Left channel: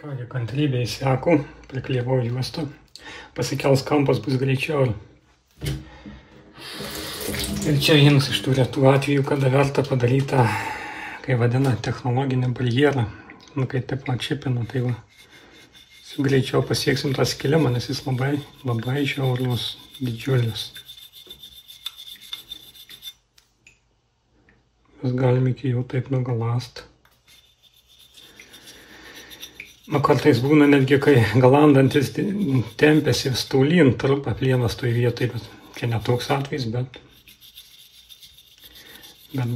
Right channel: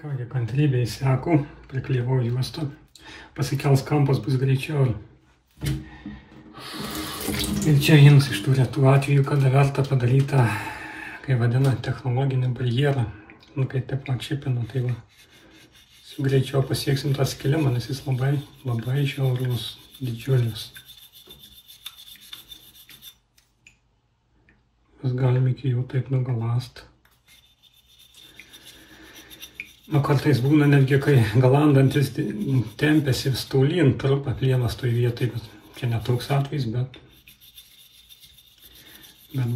Kągi, kantrybė įseko, priklijavau juostą, pasikels kampas bus greičiau. Ir čia vienas iš tų retų atvejų, kada verta padaryti, kai vadina, technologinį barjerą. Kai taip atšipina, tai va, greičiau pasieksim tą skilimą, nes jis labai žiaurus, didžiulis. Mes galim iki jų taip nugalast. Kartais būna netgi, kai galandantis tempėsi staulyn, trupa plienas toj vietoj, bet čia netoks atvejs, bet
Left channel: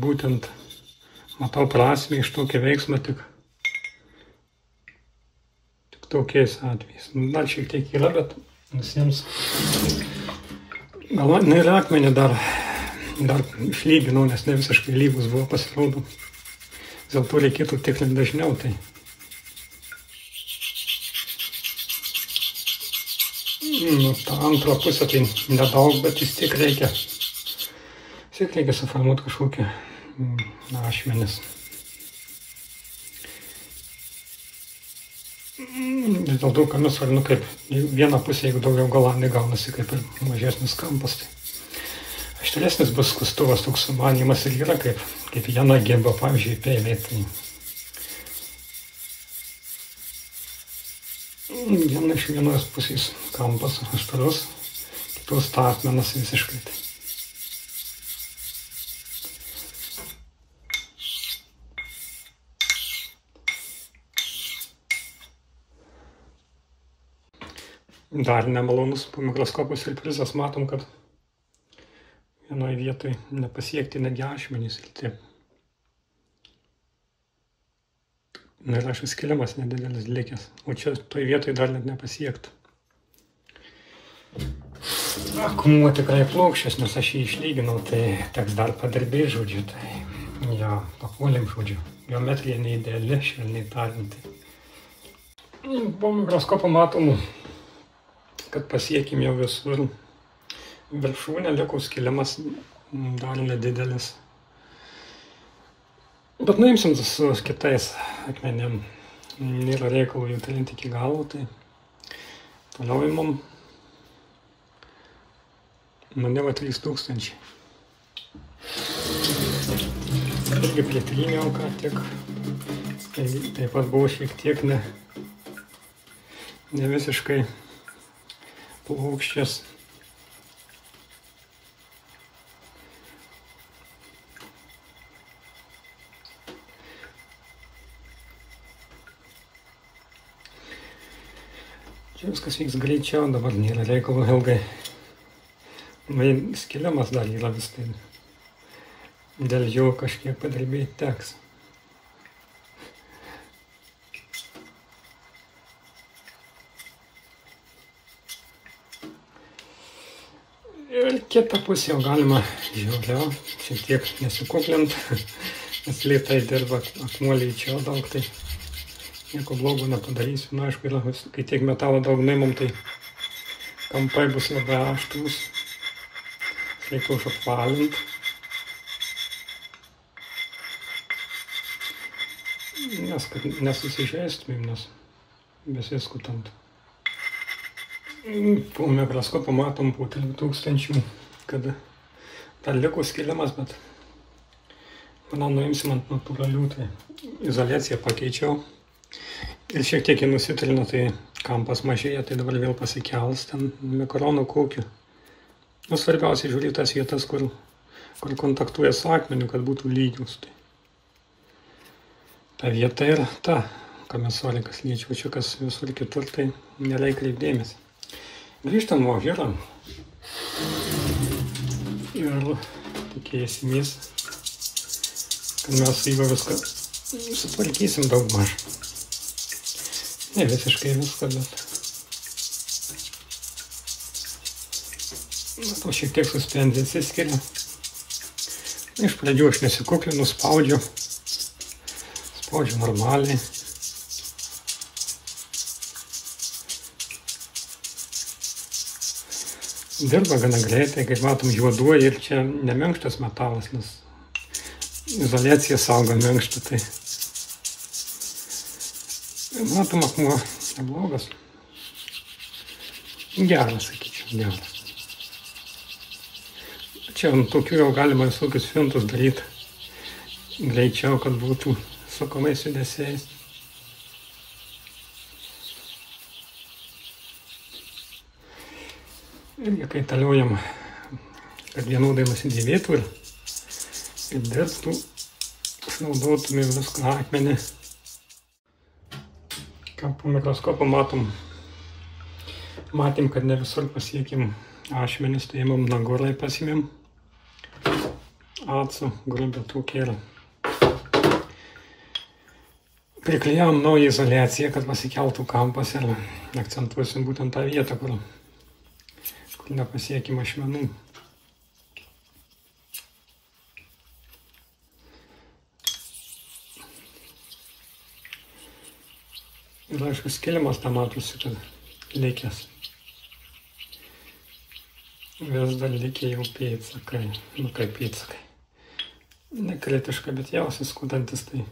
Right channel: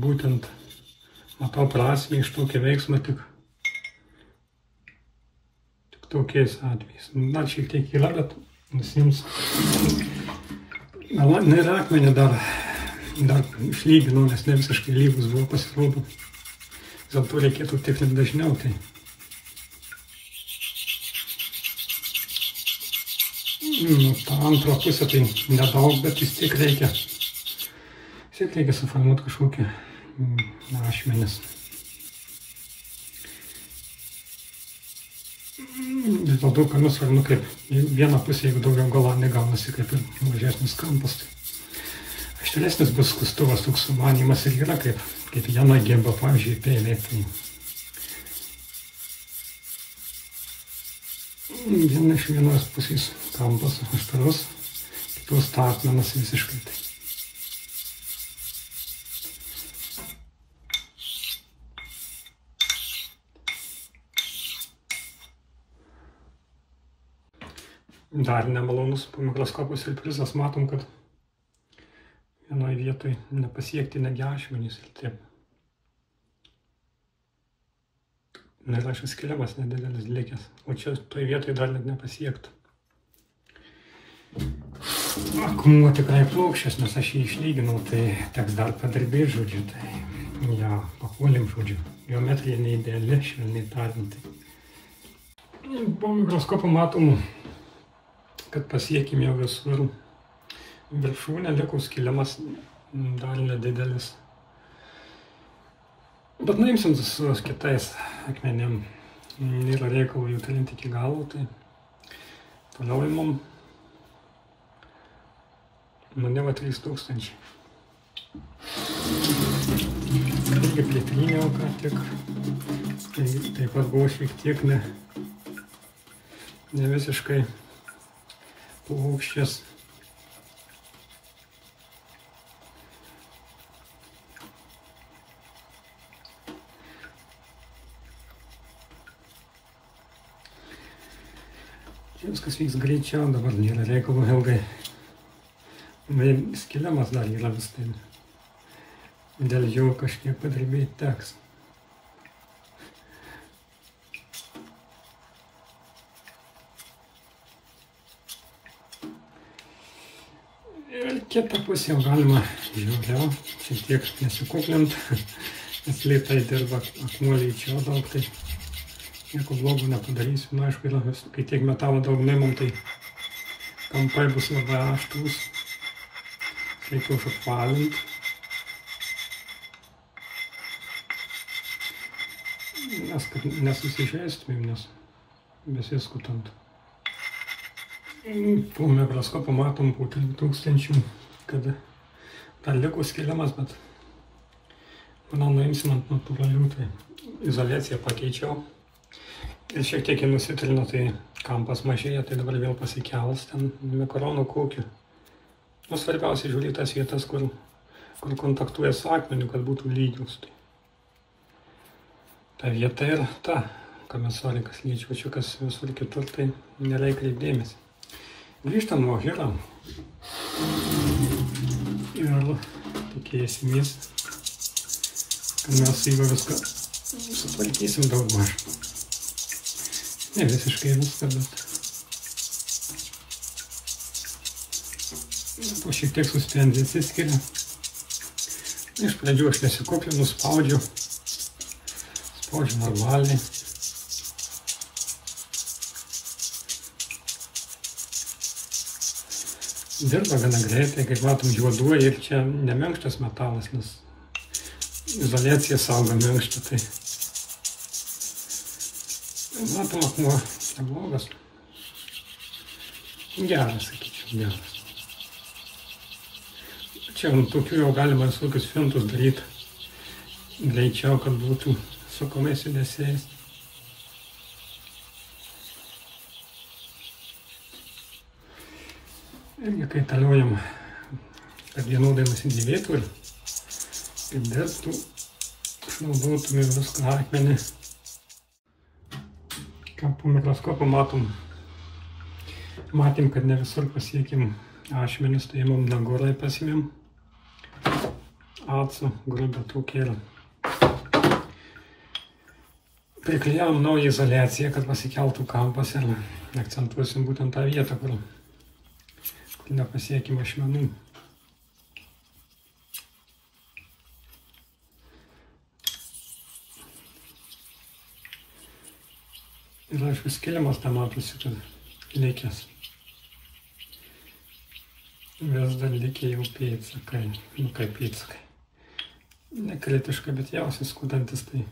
būtent matau prasmę iš tokio veiksmo tik tokiais atvejais. Dar šiek tiek yra, bet visiems ir akmenį dar išlyginau, nes ne visiškai lygus buvo, pasirodo. Dėl to reikėtų tikrinti dažniau. Tai tą antrą pusę tai nedaug, bet vis tiek reikia suformuoti kažkokį ašmenis. Vis dėl to, kad mes svarbu, kaip vieną pusę, jeigu daugiau galandai gaunasi, kaip ir mažesnis kampas. Aštresnis bus skustuvas, toks sumanymas ir yra, kaip viena geba, pavyzdžiui, peilė. Viena iš vienos pusės kampas aštrus, kitos statmenas visiškai. Dar nemalonus po mikroskopo siurprizas, matom, kad vienoje vietoje nepasiekti negi ašmenys. Ir aš skilimas nedidelis likęs, o čia toj vietoj dar net nepasiekti. Akmuo tikrai plokščias, nes aš jį išlyginau, tai teks dar padirbėti, žodžiu. Tai ja, papuolėm, žodžiu. Geometrija neideali, švelniai tariant. Po mikroskopo matom, kad pasiekėm jau visur viršūnę, liko skilimas dar nedidelis. Bet nuimsim su kitais akmenėm. Nėra reikalo jų talinti iki galo, tai toliau imam nuo 3000. Irgi plėtryniau ką tik. Taip pat buvo šiek tiek ne visiškai plokščias. Čia viskas vyks greičiau, dabar nėra reikalo ilgai. Skilimas dar yra vis tai. Dėl jo kažkiek padirbėti teks. Ir kitą pusę jau galima žiūrėjau, šiek tiek nesikuklint, nes lėtai dirba akmuoliai čia daug, tai nieko blogo nepadarysiu. Na, aišku, kai tiek metalo daug neimam, tai kampai bus labai aštrūs. Reikia užapvalinti. Nes kad nesusižeistumėm, nes besiskutant. Po mikroskopo matom po 3000, kad dar liko skilimas, bet manau nuimsim ant natūralių, tai izoliaciją pakeičiau. Ir šiek tiek jį nusitrinu, tai kampas mažėja, tai dabar vėl pasikels ten mikronų kokių. Svarbiausia žiūrėti tas vietas, kur kontaktuoja su akmeniu, kad būtų lygius. Ta vieta ir ta komisorikas liečiau, čia kas visur kitur, tai nereikia kreipdėmės. Grįžtam nuo žirą ir tikėsimės, kad mes su juo viską sutvarkysim daugmaž. Ne visiškai viską, bet to šiek tiek suspendė atsiskiria. Iš pradžių aš nesikuklinu, spaudžiu normaliai. Dirba gana greitai, kaip matom, juoduoja ir čia neminkštas metalas, nes izoliacija saugo minkštą, tai Matom, akmuo neblogas. Geras, sakyčiau, geras. Čia tokių jau galima visokius fintus daryti greičiau, kad būtų sukamais judesiais. Irgi kaitaliojam, kad vienodai nusidėvėtų ir dėstų, išnaudotume viską akmenį. Ką po mikroskopu matėm, kad ne visur pasiekėm ašmenis, tai imam nagorai pasimėm, atsų, grubę tokį ir priklijavom naują izoliaciją, kad pasikeltų kampas ir akcentuosim būtent tą vietą, kur nepasiekėm ašmenų. Ir aišku, skilimas tą matosi, kad likęs. Vis dar likę jau pėdsakai, nu kaip pėdsakai. Nekritiška, bet jausiai skutantis, tai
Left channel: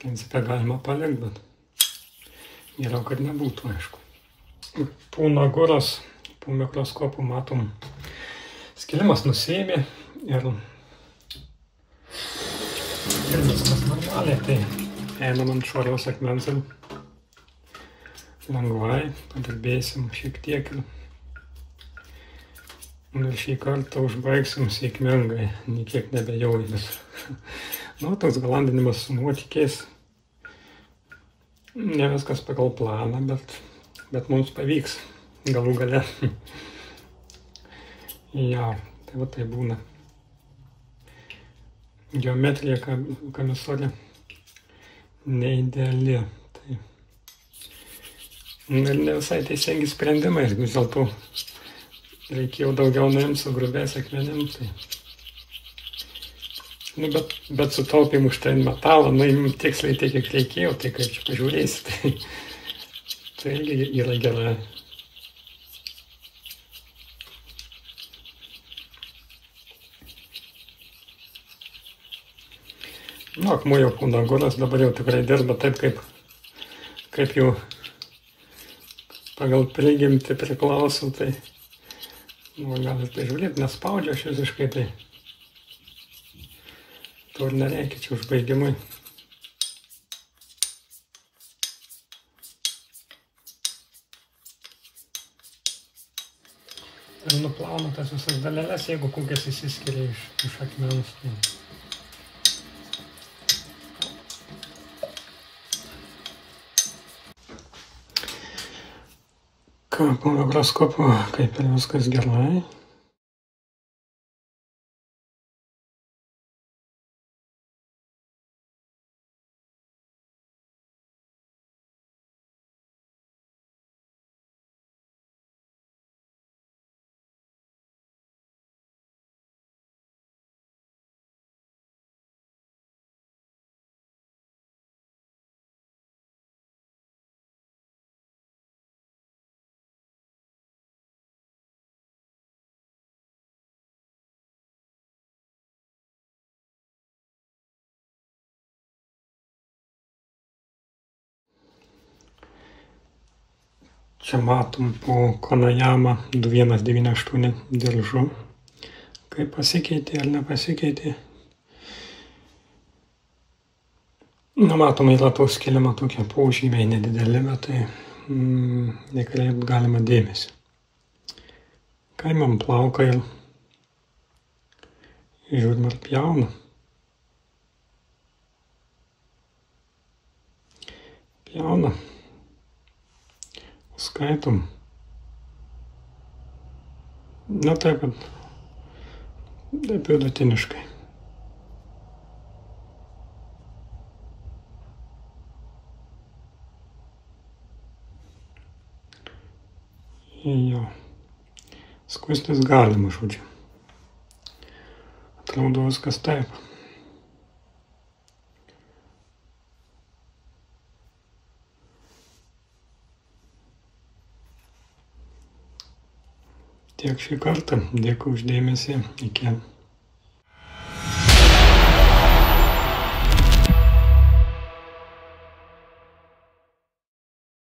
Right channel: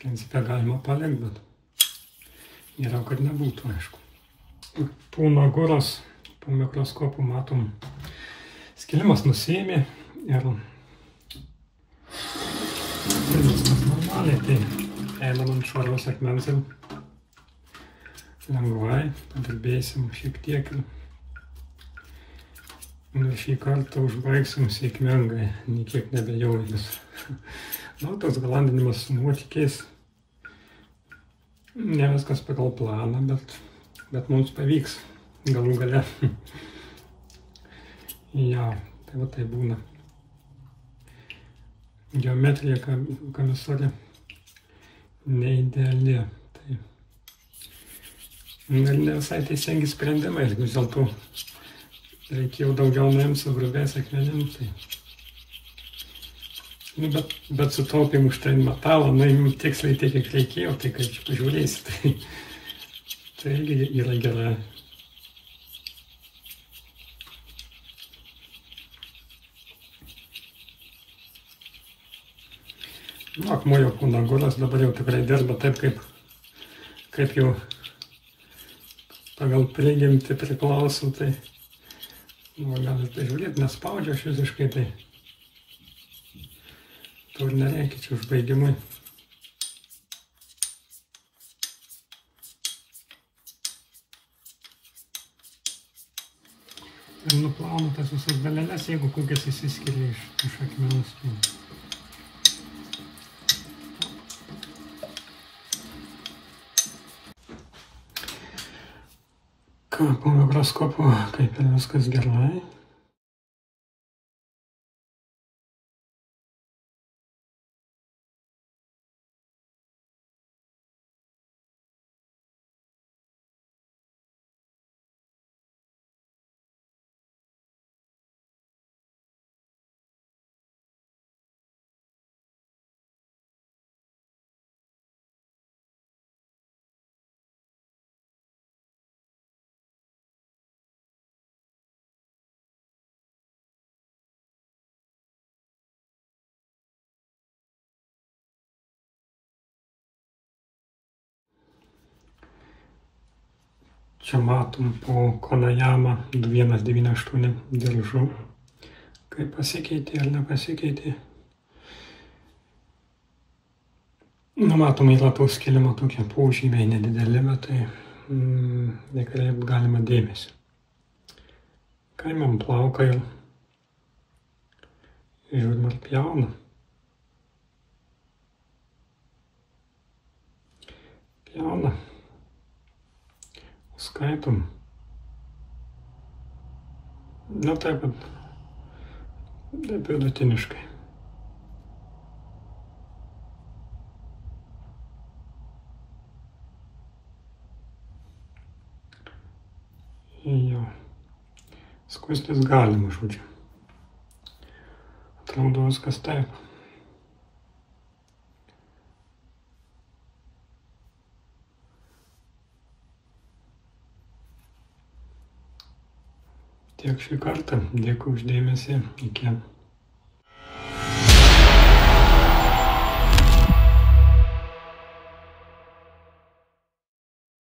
principe galima palikti, bet geriau, kad nebūtų, aišku. Po nagoros, po mikroskopu matom, skilimas nusėmė ir viskas normaliai, tai einam ant švariaus akmens ir lengvai padirbėsim šiek tiek ir šį kartą užbaigsim sėkmingai, niekiek nebejaudinus. Nu, toks galandinimas su nuotykiais, ne viskas pagal planą, bet mums pavyks galų gale. Ja, tai va tai būna. Geometrija kamisorė neideali. Tai ne visai teisingi sprendimai, vis dėlto reikėjo daugiau nuimti su grubiais akmenim. Tai. Nu, bet sutaupėm už tai metalą, nuimim tiksliai tiek, kiek reikėjo, tai kaip čia pažiūrėsi, tai irgi yra gerai. Nu, akmuo jau po nagoros, dabar jau tikrai dirba taip, kaip jau pagal prigimtį priklauso, tai galite žiūrėti, nespaudžia aš visiškai, tai to ir nereikia čia užbaigimui. Ir nuplauna tas visas daleles, jeigu kokias įsiskiria iš akmens. Ką, po mikroskopu, kaip ir viskas gerai. Čia matom po Konajama 2198 diržu, kaip pasikeitė ar nepasikeitė. Nu, matom, yra to skilimo tokie požymiai nedideli, bet tai nekreipt galima dėmesį. Kaimam plauką ir žiūrim ar pjauna. Pjauna. Skaitom. Na taip vidutiniškai. Jo. Skustis galima, žodžiu. Atrodo viskas taip. Tiek šį kartą. Dėkui už dėmesį. Iki.